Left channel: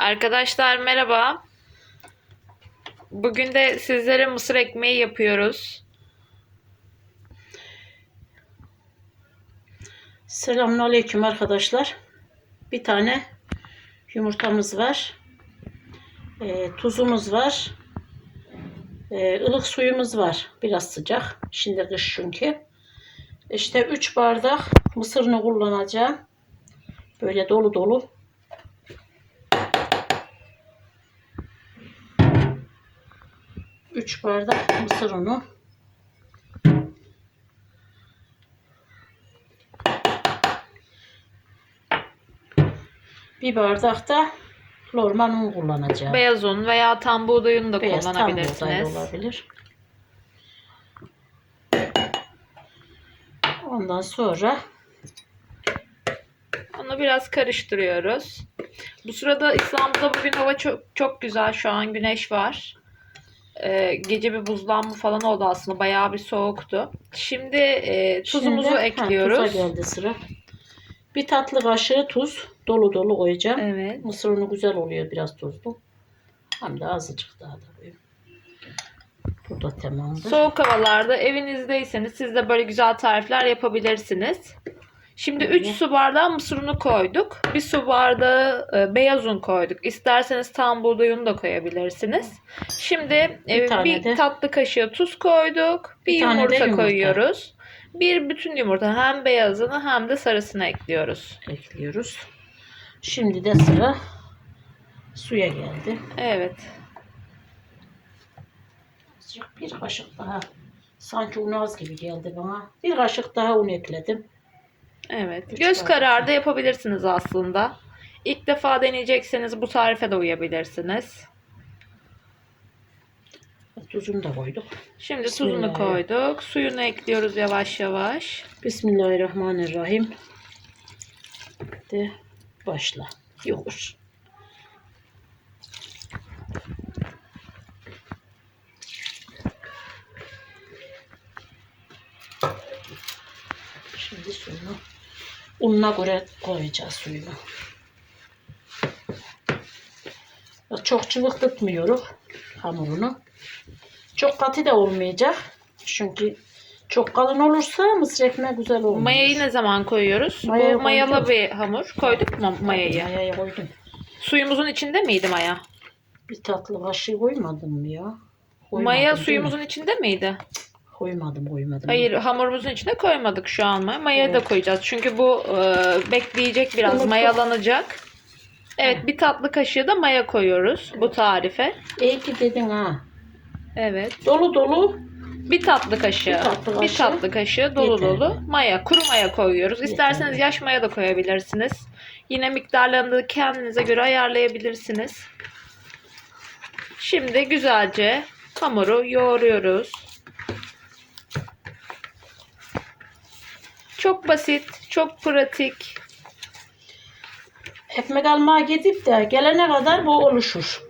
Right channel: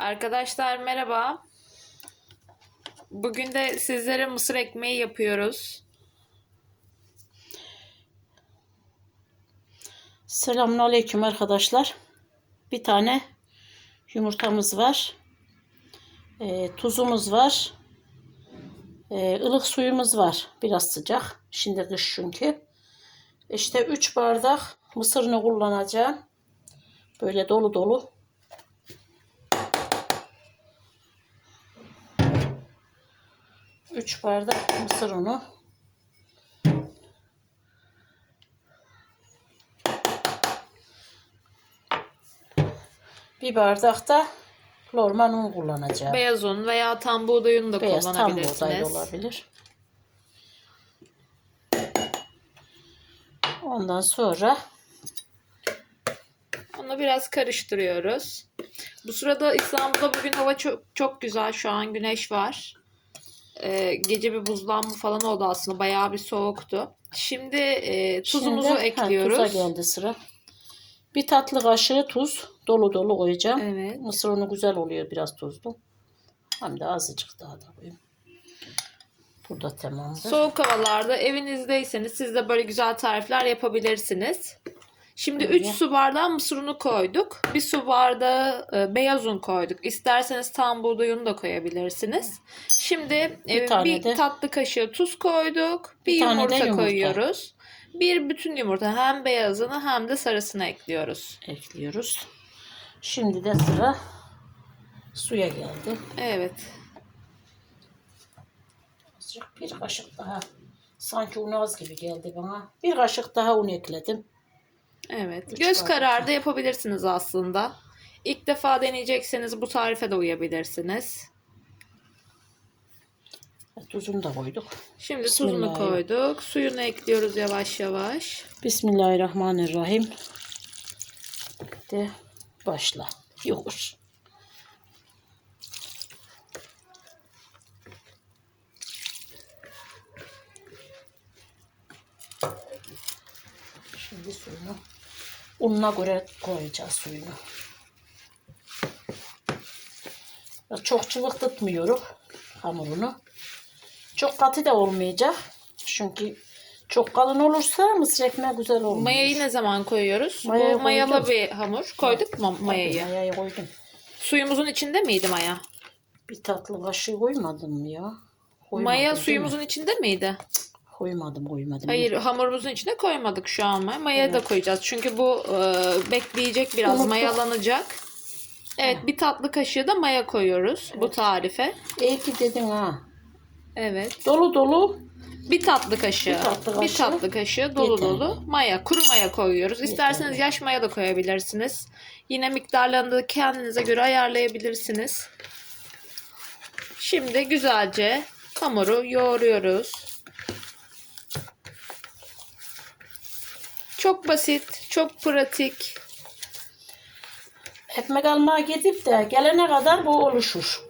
Arkadaşlar merhaba. Bugün de sizlere mısır ekmeği yapıyoruz. Selamünaleyküm arkadaşlar. Bir tane yumurtamız var. Ee, tuzumuz var. Ee, ılık suyumuz var. Biraz sıcak. Şimdi kış çünkü. İşte 3 bardak mısırını kullanacağım. Böyle dolu dolu. Üç bardak mısır unu. Bir bardak da normal un kullanacağım. Beyaz un veya tam buğday unu da Beyaz tam buğday kullanabilirsiniz. olabilir. Ondan sonra Onu biraz karıştırıyoruz. Bu sırada İstanbul'da bugün hava çok çok güzel. Şu an güneş var. Ee, gece bir buzlanma falan oldu aslında. Bayağı bir soğuktu. Şimdi e, tuzumuzu şimdi, ha, ekliyoruz. tuza geldi sıra. Bir tatlı kaşığı tuz dolu dolu koyacağım. Evet. Mısır unu güzel oluyor biraz tuzlu. Hem de azıcık daha da koyayım. Bu da tamamdır. Soğuk havalarda evinizdeyseniz siz de böyle güzel tarifler yapabilirsiniz. Şimdi 3 Evet. su bardağı mısır unu koyduk. 1 su bardağı e, beyaz un koyduk. İsterseniz tam buğday unu da koyabilirsiniz. Şimdi Bir e, tane bir de- tatlı kaşığı tuz koyduk. Bir, Bir tane de yumurta, yumurta. koyuyoruz. Bir bütün yumurta hem beyazını hem de sarısını ekliyoruz. ekliyoruz. Şimdi de sıra suya geldi. Evet. Azıcık bir kaşık daha. Sanki un az gibi geldi bana. Bir kaşık daha un ekledim. Evet. Üç Göz kararı da yapabilirsiniz aslında. İlk defa deneyecekseniz bu tarife de uyabilirsiniz. Tuzunu da koyduk. Şimdi tuzunu koyduk. Suyunu ekliyoruz yavaş yavaş. Bismillahirrahmanirrahim. De başla. Yokuş. Şimdi suyunu ununa göre koyacağız suyunu. Çok çılık tutmuyoruz hamurunu. Çok katı da olmayacak. Çünkü çok kalın olursa mısır ekmeği güzel olmuyor. Mayayı ne zaman koyuyoruz? Mayayı Bu mayalı koydum. bir hamur. Koyduk mu mayayı? Mayayı koydum. Suyumuzun içinde miydi maya? Bir tatlı kaşığı koymadım ya? Koymadım, Maya değil mi? suyumuzun içinde miydi? Koymadım koymadım. Hayır hamurumuzun içine koymadık şu an maya. Mayayı da Evet. koyacağız. Çünkü bu e, bekleyecek biraz Unuttum. mayalanacak. Evet bir tatlı kaşığı da maya koyuyoruz bu tarife. İyi ki dedin ha. Evet. Dolu dolu. Bir tatlı kaşığı. Bir tatlı Bir kaşığı. tatlı kaşığı dolu Yeterli. dolu maya, kuru maya koyuyoruz. İsterseniz Yeterli. yaş maya da koyabilirsiniz. Yine miktarlarını da kendinize göre ayarlayabilirsiniz. Şimdi güzelce hamuru yoğuruyoruz. Çok basit, çok pratik. Ekmek almaya gidip de gelene kadar bu oluşur.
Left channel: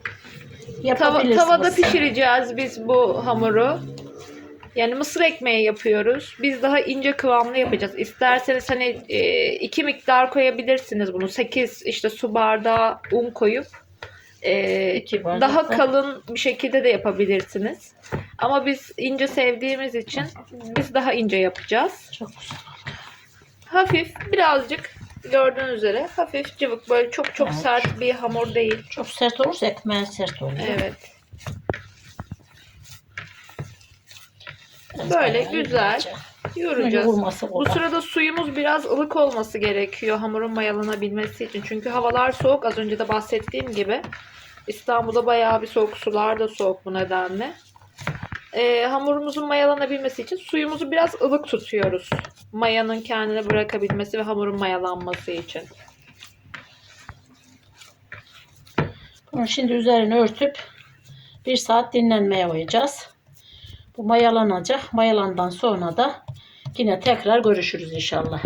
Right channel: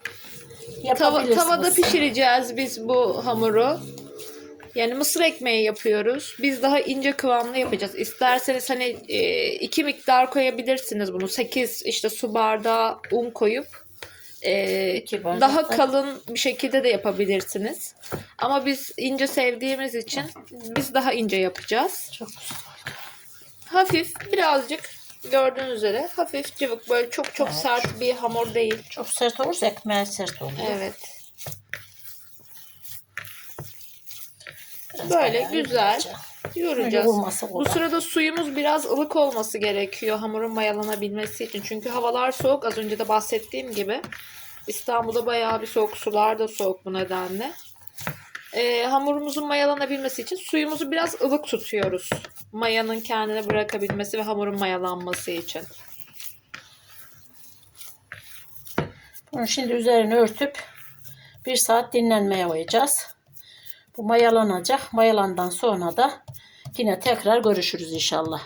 Tava- Yapabilirsiniz. tavada pişireceğiz biz bu hamuru. Yani mısır ekmeği yapıyoruz. Biz daha ince kıvamlı yapacağız. İsterseniz hani e, iki miktar koyabilirsiniz bunu. 8 işte su bardağı un koyup e, İki bardak daha da- kalın bir şekilde de yapabilirsiniz. Ama biz ince sevdiğimiz için biz daha ince yapacağız. Çok güzel. Hafif birazcık gördüğünüz üzere hafif cıvık böyle çok çok Evet. sert bir hamur değil. Çok sert olursa ekmeğe sert olur. Evet. Biraz Böyle bayağı güzel. ince. Yoracağız. Bu kolay. sırada suyumuz biraz ılık olması gerekiyor hamurun mayalanabilmesi için. Çünkü havalar soğuk. Az önce de bahsettiğim gibi. İstanbul'da bayağı bir soğuk. Sular da soğuk bu nedenle. Ee, hamurumuzun mayalanabilmesi için suyumuzu biraz ılık tutuyoruz. Mayanın kendini bırakabilmesi ve hamurun mayalanması için. Bunu şimdi üzerine örtüp bir saat dinlenmeye koyacağız. Bu mayalanacak. Mayalandan sonra da yine tekrar görüşürüz inşallah.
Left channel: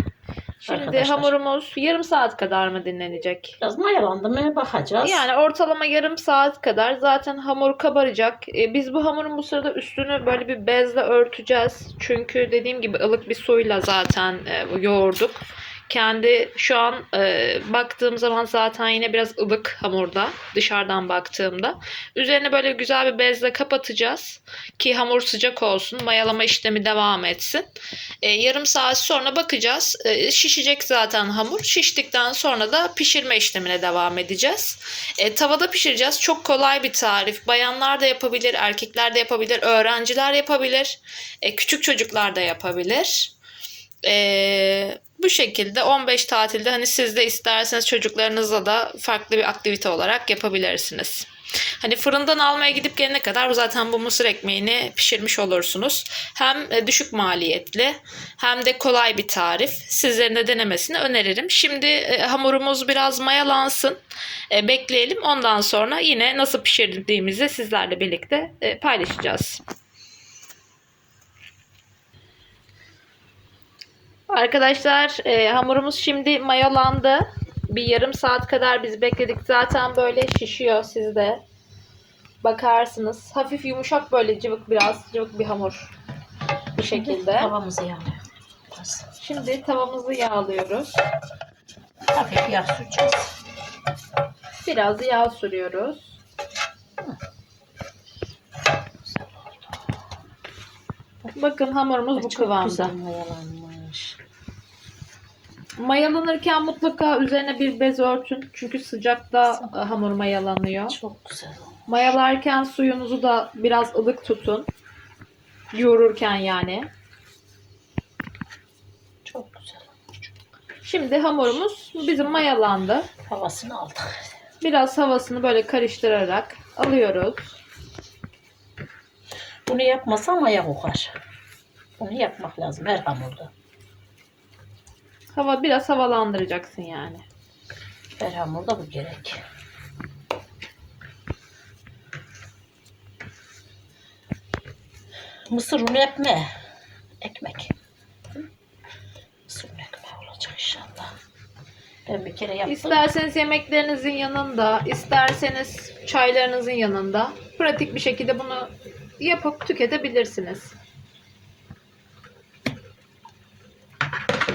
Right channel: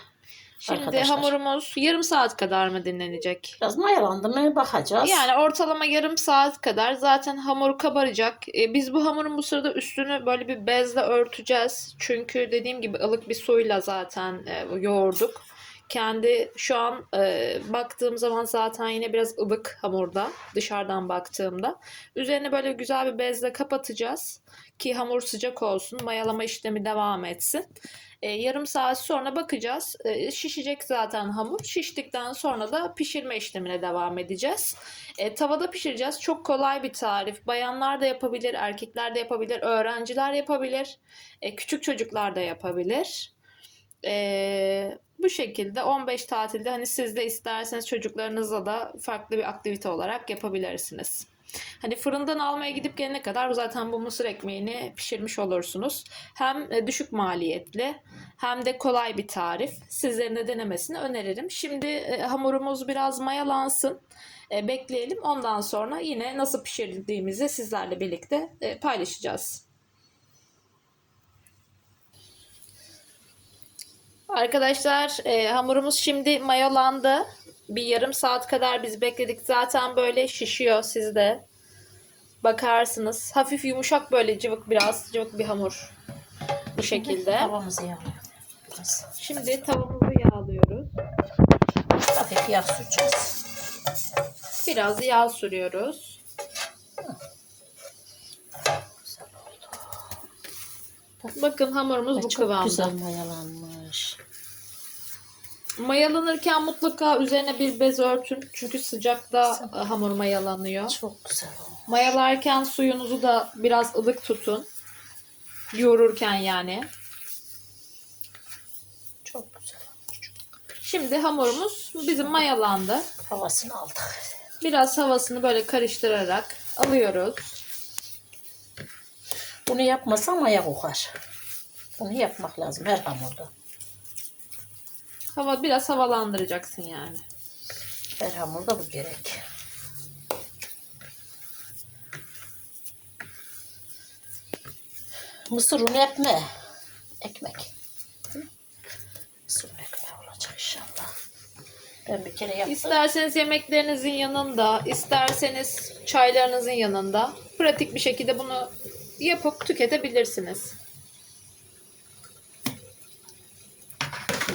Şimdi Arkadaşlar. hamurumuz yarım saat kadar mı dinlenecek? Biraz mayalandı mı bakacağız. Yani ortalama yarım saat kadar zaten hamur kabaracak. Ee, Biz bu hamurun bu sırada üstünü böyle bir bezle örteceğiz. Çünkü dediğim gibi ılık bir suyla zaten e, yoğurduk. Kendi şu an e, baktığım zaman zaten yine biraz ılık hamurda dışarıdan baktığımda. Üzerine böyle güzel bir bezle kapatacağız ki hamur sıcak olsun. Mayalama işlemi devam etsin. E, yarım saat sonra bakacağız. E, şişecek zaten hamur. Şiştikten sonra da pişirme işlemine devam edeceğiz. E, tavada pişireceğiz. Çok kolay bir tarif. Bayanlar da yapabilir, erkekler de yapabilir, öğrenciler yapabilir, e, küçük çocuklar da yapabilir. E, bu şekilde 15 tatilde hani siz de isterseniz çocuklarınızla da farklı bir aktivite olarak yapabilirsiniz. Hani fırından almaya gidip gelene kadar zaten bu mısır ekmeğini pişirmiş olursunuz. Hem e, düşük maliyetli hem de kolay bir tarif. Sizlerin de denemesini öneririm. Şimdi e, hamurumuz biraz mayalansın. E, bekleyelim. Ondan sonra yine nasıl pişirdiğimizi sizlerle birlikte paylaşacağız. Arkadaşlar e, hamurumuz şimdi mayalandı. Bir yarım saat kadar biz bekledik. Zaten böyle şişiyor sizde. Bakarsınız. Hafif yumuşak böyle cıvık biraz cıvık bir hamur. Bu şekilde. Tavamızı yağlıyoruz. Şimdi tavamızı yağlıyoruz. hafif yağ süreceğiz. Biraz yağ sürüyoruz. Bakın hamurumuz bu Çok kıvamda. güzel mayalanmış. Mayalanırken mutlaka üzerine bir bez örtün. Çünkü sıcakta e, hamur mayalanıyor. Çok güzel. Mayalarken suyunuzu da biraz ılık tutun. Yoğururken yani. Çok güzel olmuş. Şimdi hamurumuz bizim mayalandı. Havasını aldık. Biraz havasını böyle karıştırarak alıyoruz. Bunu yapmasam maya kokar. Bunu yapmak lazım her hamurda. Hava biraz havalandıracaksın yani. Her hamurda bu gerek. Mısır unu ekme. Ekmek. Mısır unu ekmeği olacak inşallah. Ben bir kere yaptım. İsterseniz yemeklerinizin yanında, isterseniz çaylarınızın yanında pratik bir şekilde bunu yapıp tüketebilirsiniz.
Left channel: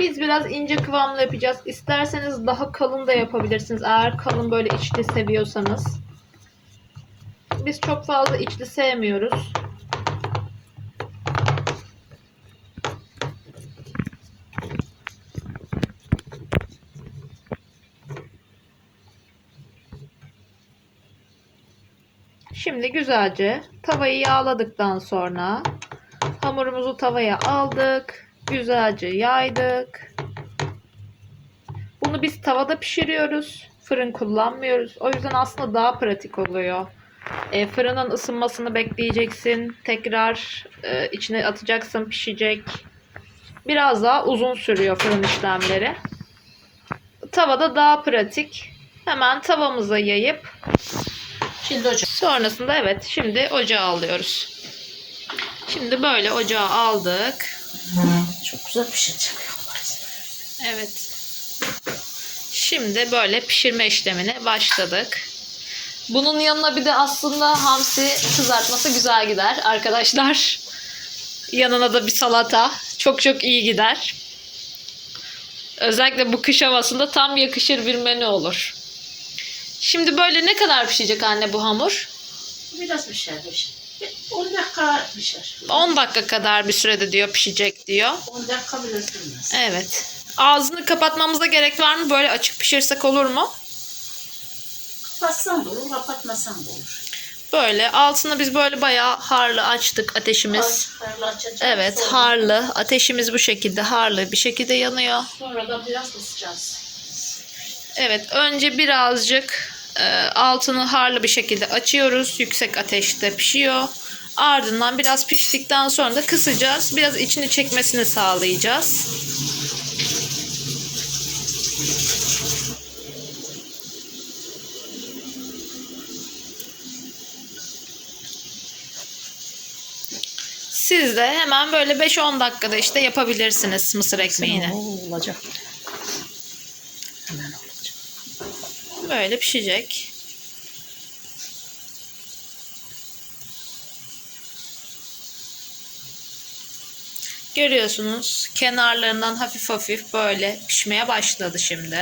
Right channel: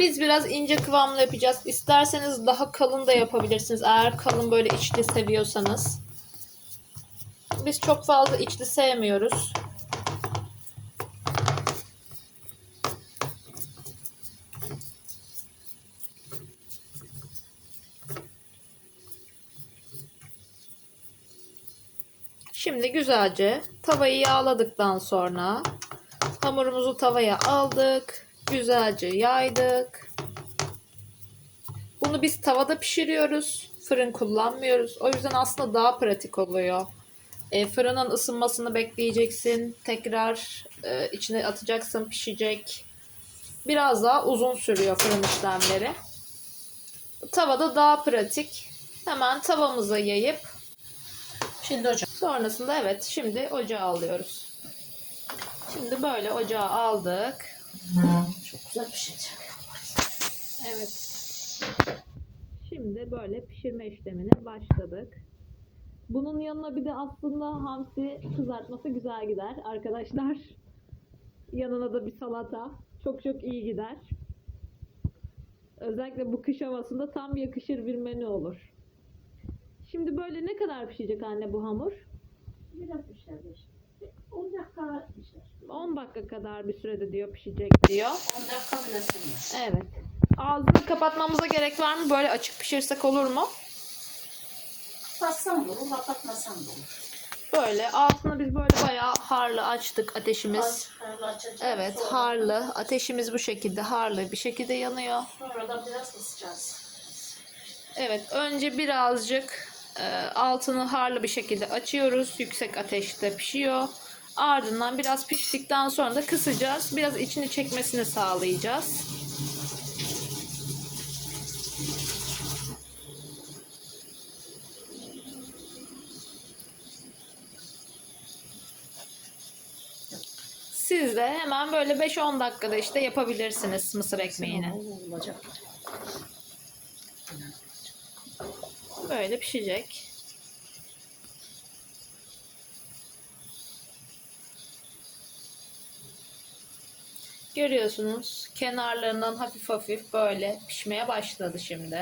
Biz biraz ince kıvamlı yapacağız. İsterseniz daha kalın da yapabilirsiniz. Eğer kalın böyle içli seviyorsanız. Biz çok fazla içli sevmiyoruz. Şimdi güzelce tavayı yağladıktan sonra hamurumuzu tavaya aldık. Güzelce yaydık. Bunu biz tavada pişiriyoruz. Fırın kullanmıyoruz. O yüzden aslında daha pratik oluyor. E, fırının ısınmasını bekleyeceksin. Tekrar e, içine atacaksın pişecek. Biraz daha uzun sürüyor fırın işlemleri. Tavada daha pratik. Hemen tavamıza yayıp Şimdi hocam. Sonrasında evet şimdi ocağa alıyoruz. Şimdi böyle ocağa aldık. Çok güzel pişecek. Evet. Şimdi böyle pişirme işlemine başladık. Bunun yanına bir de aslında hamsi kızartması güzel gider arkadaşlar. Yanına da bir salata çok çok iyi gider. Özellikle bu kış havasında tam yakışır bir menü olur. Şimdi böyle ne kadar pişecek anne bu hamur? Biraz pişer. pişer. 10 dakika pişer. 10 dakika kadar bir sürede diyor pişecek diyor. 10 dakika bile sürmez. Evet. Ağzını kapatmamıza gerek var mı? Böyle açık pişirsek olur mu? Kapatsan da olur, kapatmasan da olur. Böyle altını biz böyle bayağı harlı açtık ateşimiz. Harlı açacağız. Evet Sonra- harlı. Ateşimiz bu şekilde harlı bir şekilde yanıyor. Sonra da biraz kısacağız. Evet önce birazcık altını harlı bir şekilde açıyoruz. Yüksek ateşte pişiyor. Ardından biraz piştikten sonra da kısacağız. Biraz içini çekmesini sağlayacağız. Siz de hemen böyle 5-10 dakikada işte yapabilirsiniz mısır ekmeğini. Olacak. Hemen olacak. Böyle pişecek. Görüyorsunuz kenarlarından hafif hafif böyle pişmeye başladı şimdi.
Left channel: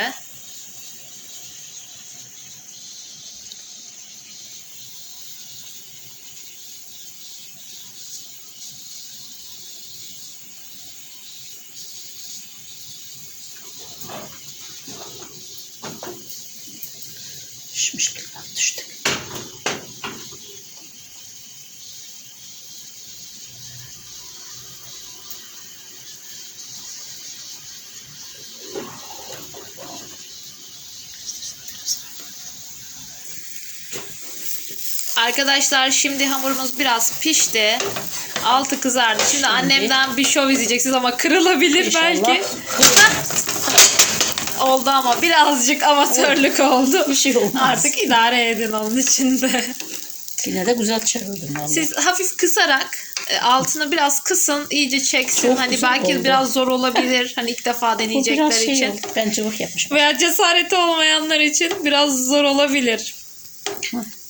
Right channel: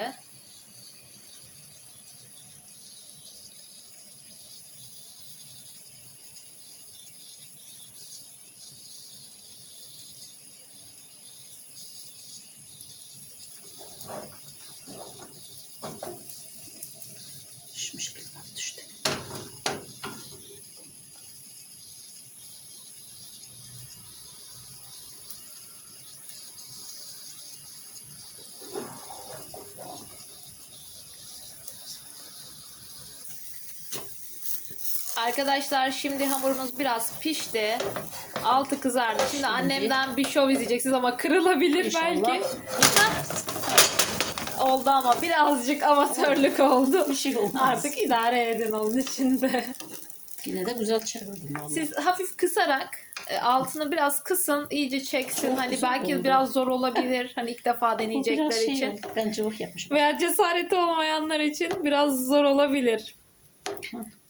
Arkadaşlar şimdi hamurumuz biraz pişti. Altı kızardı. Şimdi, annemden bir şov izleyeceksiniz ama kırılabilir İnşallah. belki. oldu ama birazcık amatörlük oldu. Bir şey olmaz. Artık idare edin onun içinde. Yine de güzel çevirdim vallahi. Siz hafif kısarak e, altını biraz kısın, iyice çeksin. Çok hani belki oldu. biraz zor olabilir. Hani ilk defa deneyecekler şey için. oldu. Ben cıvık yapmışım. Veya cesareti olmayanlar için biraz zor olabilir.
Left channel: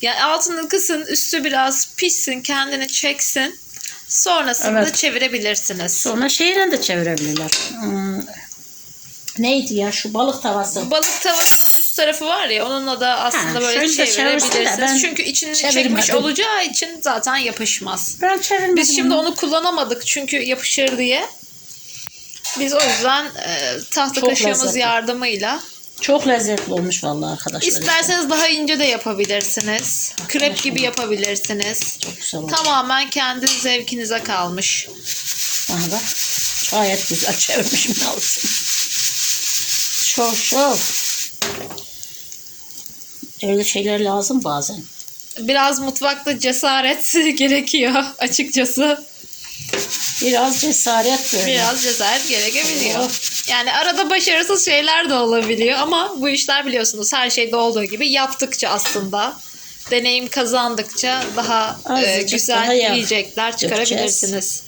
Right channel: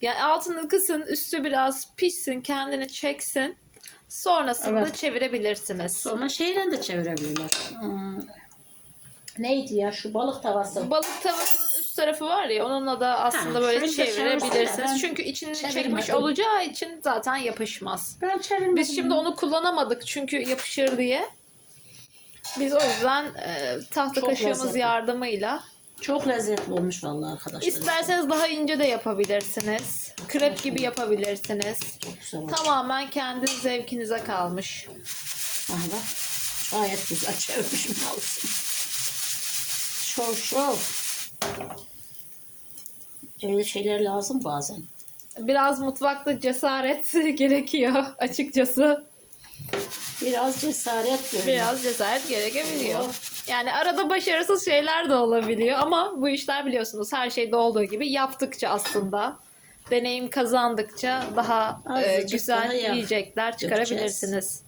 Yani altını kısın, üstü biraz pişsin, kendini çeksin. Sonrasında Evet. çevirebilirsiniz. Sonra şeyle de çevirebilirler. Hmm, neydi ya şu balık tavası. Balık tavasının üst tarafı var ya onunla da aslında Ha, böyle şöyle de çevirsin de çevirebilirsiniz. Çünkü içini çevirmedim. çekmiş olacağı için zaten yapışmaz. Ben çevirmedim. Biz şimdi onu. onu kullanamadık çünkü yapışır diye. Biz o yüzden e, tahta Çok kaşığımız lezzetli. yardımıyla Çok lezzetli olmuş vallahi arkadaşlar. isterseniz daha ince de yapabilirsiniz. Krep gibi yapabilirsiniz. Çok güzel olmuş. Tamamen kendi zevkinize kalmış. Aha bak. Gayet güzel çevirmişim ne olsun. Şov şov. Öyle şeyler lazım bazen. Biraz mutfakta cesaret gerekiyor açıkçası. Biraz cesaret böyle. Biraz cesaret gerekebiliyor. Evet. Yani arada başarısız şeyler de olabiliyor ama bu işler biliyorsunuz her şeyde olduğu gibi yaptıkça aslında deneyim kazandıkça daha e, Azıcık güzel daha yağ yiyecekler çıkarabilirsiniz.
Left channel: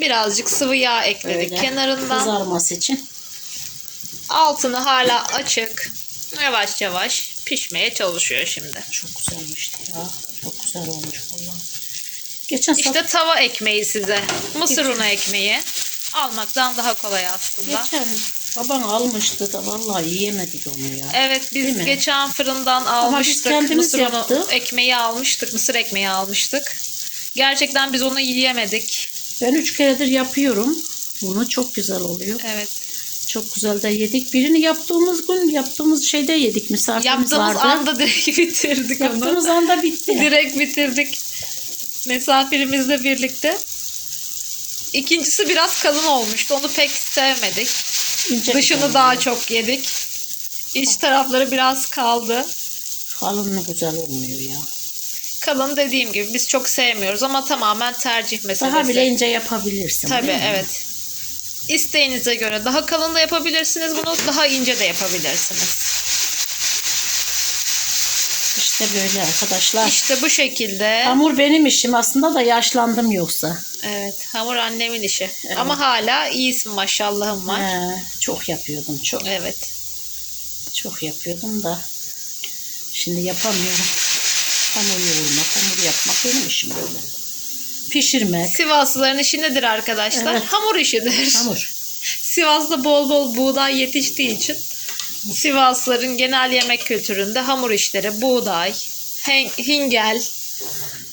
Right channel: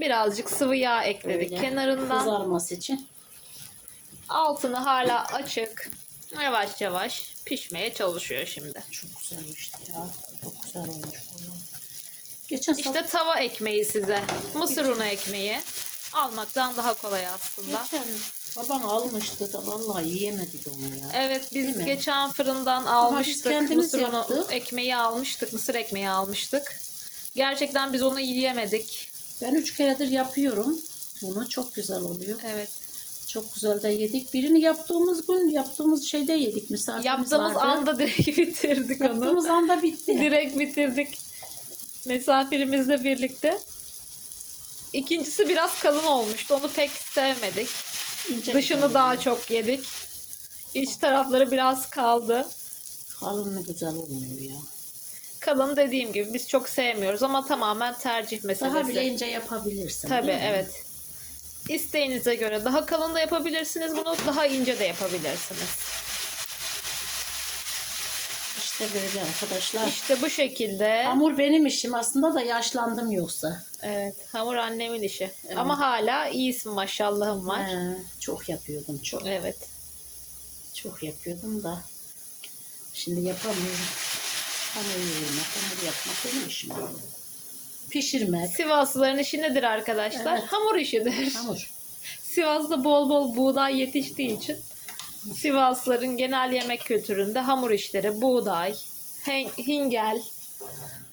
Birazcık sıvı yağ ekledik Böyle kenarından. Kızarması için. Altını hala açık. Yavaş yavaş pişmeye çalışıyor şimdi. Çok güzelmişti ya. Çok güzel olmuş vallahi. Geçen İşte işte tava ekmeği size. Mısır unu ekmeği. Almaktan daha kolay aslında. geçen baban almıştı da vallahi yiyemedik onu ya. Evet Değil biz mi? geçen fırından biz almıştık. kendimiz Mısır yaptık. ekmeği almıştık. Mısır ekmeği almıştık. Gerçekten biz onu yiyemedik. Ben üç keredir yapıyorum. Bunu çok güzel oluyor. Evet. Çok güzel de yedik. Birini yaptığımız gün yaptığımız şeyde yedik. Misafirimiz Yaptığımız vardı. anda direkt bitirdik Yaptığımız onu. anda bitti. Direkt bitirdik. Misafirimizle birlikte. İkincisi biraz kalın olmuştu. Onu pek sevmedik. İnce Dışını daha çok yedik. İç tarafları biraz kaldı. Kalın mı güzel olmuyor ya. Kalın dediğim gibi biz çok sevmiyoruz ama tamamen tercih meselesi. Daha bile ince yapabilirsin. Tabii evet. İsteğinize göre daha kalın da yapabilirsiniz bunu, daha ince de yapabilirsiniz. İşte böyle arkadaşlar. İşte bu şekilde. Hamur benim işim aslında da yaşlandım yoksa. Evet, hamur annemin işi. Evet. Ama hala iyisin maşallahım var. He, çok yapıyordum çok. Evet. Çok yapıyordum da şimdi yapamıyorum. Hamur yoğurmak, hamur yapmak benim işim böyle. Pişirmek, Sivaslıların işi nedir arkadaşlar? Evet. Hamur işidir. hamur. Sivas'ta bol bol buğday yetiştiği için Sivaslıların genel yemek kültüründe hamur işleri, buğday, hingel.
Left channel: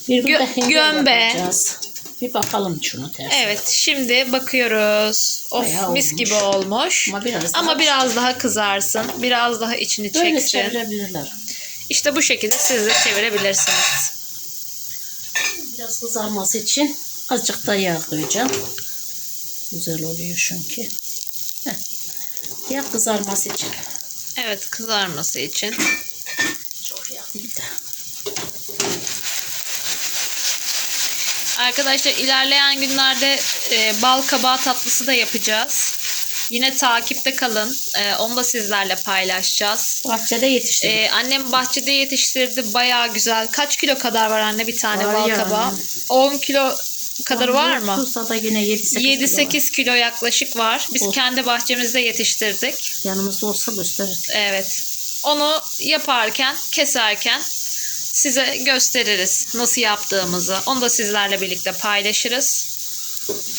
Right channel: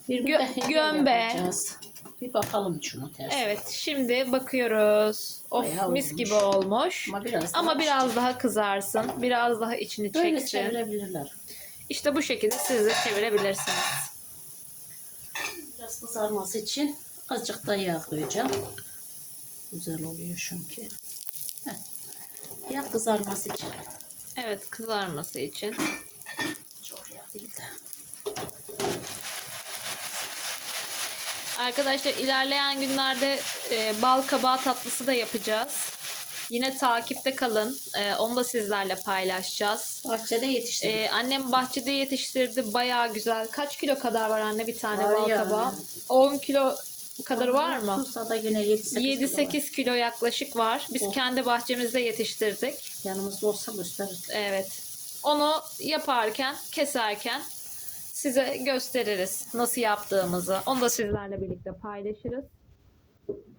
Bir Gö- hingel gömbe. yapacağız. Bir bakalım şunu ters. Evet, şimdi bakıyoruz. Of Bayağı mis olmuş. gibi olmuş. Ama biraz daha Ama biraz daha kızarsın. Biraz daha içini Böyle çeksin. çevirebilirler. İşte bu şekilde siz de çevirebilirsiniz. Biraz kızarması için azıcık da yağ koyacağım. Güzel oluyor çünkü. Heh. Yağ kızarması için. Evet, kızarması için. Çok yağ değil de. Arkadaşlar ilerleyen günlerde e, bal kabağı tatlısı da yapacağız. Yine takipte kalın. E, onu da sizlerle paylaşacağız. Bahçede yetiştirdik. E, annem bahçede yetiştirdi. Bayağı güzel. Kaç kilo kadar var anne bir tane Var bal ya. kabağı? 10 kilo kadar var mı? Tuzla da yine 7-8 7-8 kilo yaklaşık var. Biz Olsun. kendi bahçemizde yetiştirdik. Yanımızda olsa gösterirdik. Evet. Onu yaparken, keserken size gösteririz nasıl yaptığımızı. Onu da sizlerle birlikte paylaşırız.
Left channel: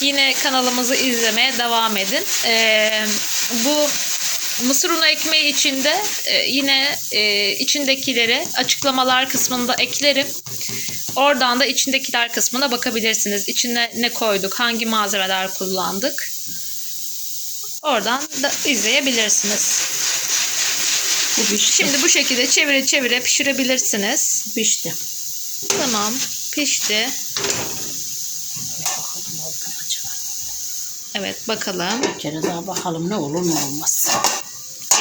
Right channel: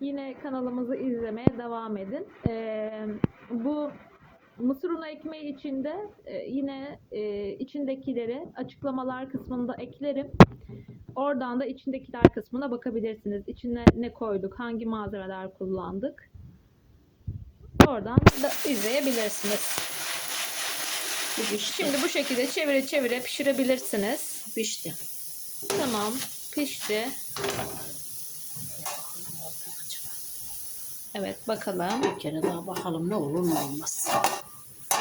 Yine kanalımızı izlemeye devam edin. Ee, bu mısır unu ekmeği içinde e, yine e, içindekileri açıklamalar kısmında eklerim. Oradan da içindekiler kısmına bakabilirsiniz. İçine ne koyduk, hangi malzemeler kullandık. Oradan da izleyebilirsiniz. Bu pişti. Şimdi bu şekilde çevire çevire pişirebilirsiniz. pişti. Tamam, pişti. Evet, bakalım. Bir kere daha bakalım ne olur ne olmaz.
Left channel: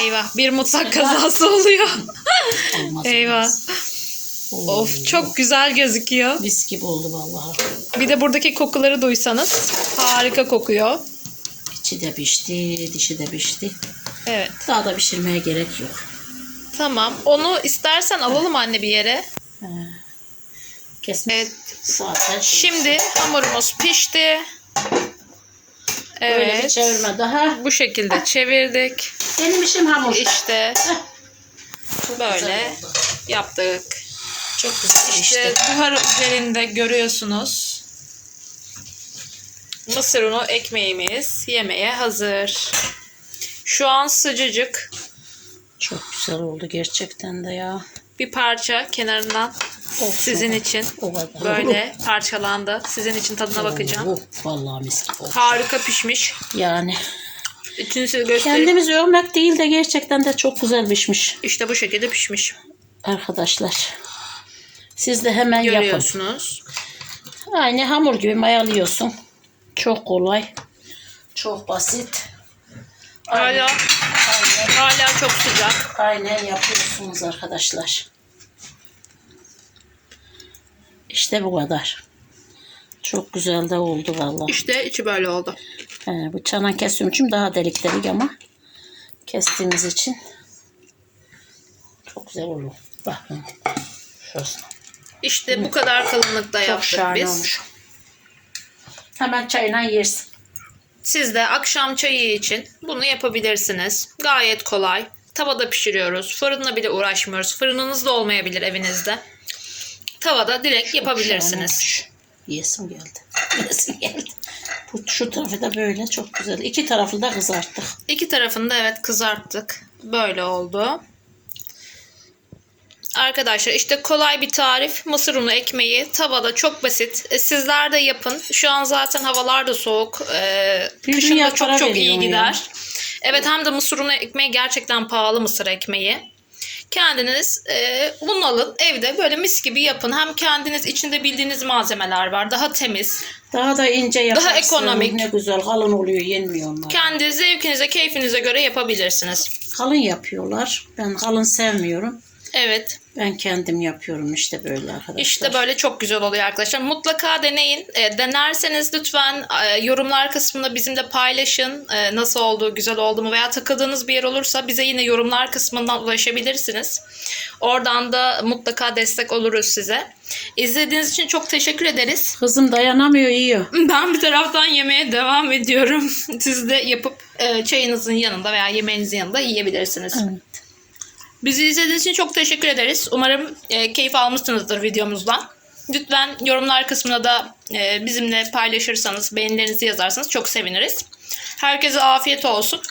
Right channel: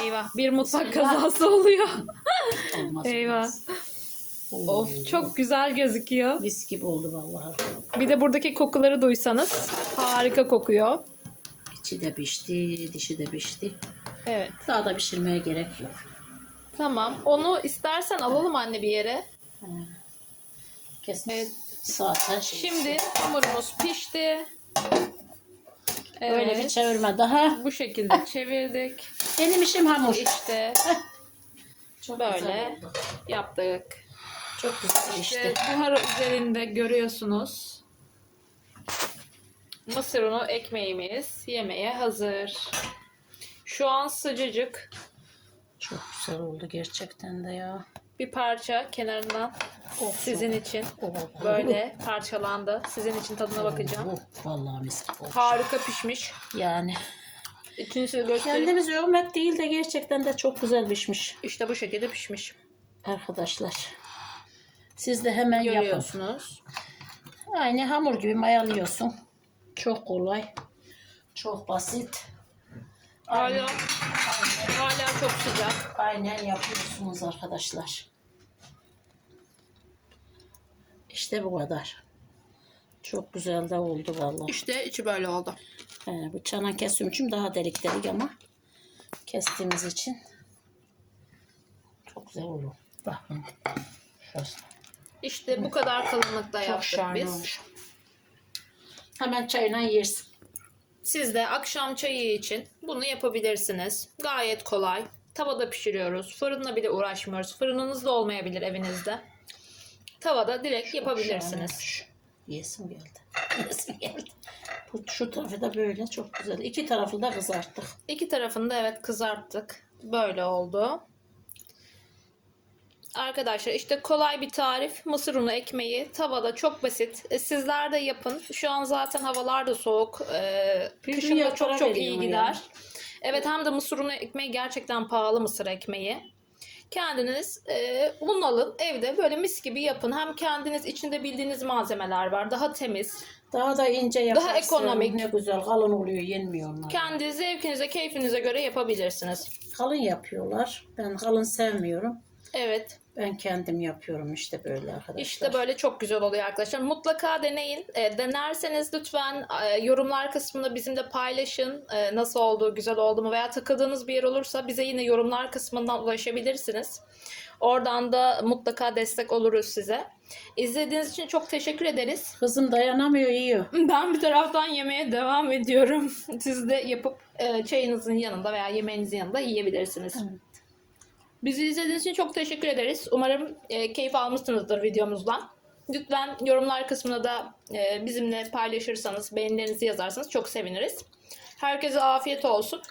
Eyvah, bir mutfak kazası oluyor. Olmaz Eyvah. olmaz. Oo, Of, çok güzel gözüküyor. Mis gibi oldu vallahi. Bir de buradaki kokuları duysanız harika kokuyor. İçi de pişti, dişi de pişti. Evet. Daha da pişirmeye gerek yok. Tamam. Onu istersen alalım anne bir yere. Kesme Evet. zaten. Şimdi hamurumuz pişti. Öyle bir Evet. çevirme daha. Bu şekilde çevirdik. Benim işim hamur. İşte Çok böyle oldu. yaptık. Çok güzel İşte işte. buhar üzerinde görüyorsunuz. Mısır unu ekmeğimiz yemeğe hazır. Şu an sıcacık. Çok güzel oldu gerçekten de ya. Bir parça kenarından Of, sizin of. için O kadar. böyle parçalandı. Sizin için tadına bakacağım. Oh, vallahi mis gibi oldu. Harika pişmiş. Yani İçini size göstereyim. kendimiz övmek değil de gerçekten de çok güzel pişmiş İşte bu şekilde pişmiş. arkadaşlar. Siz de hemen yapın. Görüyorsunuz. Aynı hamur gibi mayalıyorsun. Çok kolay. Çok basit. Hala hala çok sıcak. Aynen yapıyorsunuz arkadaşlar. İşte bu kadar. Çok güzel de oldu vallahi. İşte içi böyle oldu. He, bu çanak kestiğim için daha delik delik ama kestiğimiz için çok güzel olur. Bakın. Şurası. İşte bu kadar kalınlıkta Çok yaptık şahane biz. olmuş. Hemen çayına yersin. Siz de akşam çayı için bunu yapabilirsiniz. Gayet kolay. Tavada pişiriyoruz. Fırınla bile uğraşmıyoruz. Fırınınız da olmayabilir evinizde. Tavada direkt yapabilirsiniz. Yesim geldi. Yesim geldi. Bu, şu tarafı da böyle çok güzel. İki tarafı da kızarttık. İki tarafını da evet kızarttık. Böyle oldu. Arkadaşlar işte kolay bir tarif. Mısır unu ekmeği tavada çok basit. E, sizler de yapın. Şu an zaten havalar da soğuk. E, kışın da çok çok iyi veriyorum ya. gider. Evet hem de mısır unu ekmeği gerçekten pahalı mısır ekmeği. Kendiniz e, bunu alın evde böyle mis gibi yapın. Hem kendiniz içinde bildiğiniz malzemeler var. Daha temiz. Daha da ince yaparsın. ekonomik. Ne güzel kalın oluyor yenmiyor onlar. Kendi zevkinize, keyfinize göre yapabilirsiniz. Kalın yapıyorlar. Ben kalın sevmiyorum. Evet. Ben kendim yapıyorum işte böyle arkadaşlar. İşte böyle çok güzel oluyor arkadaşlar. Mutlaka deneyin. E, denerseniz lütfen e, yorumlar kısmında bizimle paylaşın. E, nasıl oldu, güzel oldu mu veya takıldığınız bir yer olursa bize yine yorumlar kısmından ulaşabilirsiniz. Oradan da mutlaka destek oluruz size. İzlediğiniz için çok teşekkür ederiz. Kızım dayanamıyor yiyor. Ben bir taraftan yemeğe devam ediyorum. Siz de yapıp e, çayınızın yanında veya yemeğinizin yanında yiyebilirsiniz. Evet. Bizi izlediğiniz için çok teşekkür ederiz. Umarım e, keyif almışsınızdır videomuzdan. Lütfen yorumlar kısmına da e, bizimle paylaşırsanız, beğenilerinizi yazarsanız çok seviniriz. Herkese afiyet olsun.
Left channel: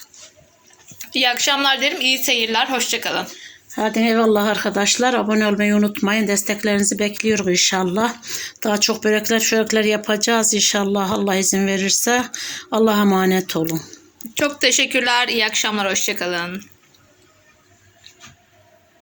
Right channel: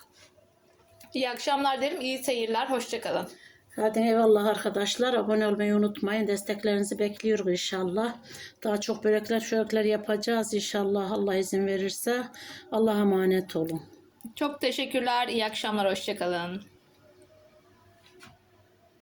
İyi akşamlar derim, iyi seyirler, hoşçakalın. Hadi eyvallah arkadaşlar. Abone olmayı unutmayın. Desteklerinizi bekliyoruz inşallah. Daha çok börekler çörekler yapacağız inşallah. Allah izin verirse. Allah'a emanet olun. Çok teşekkürler, iyi akşamlar, hoşçakalın.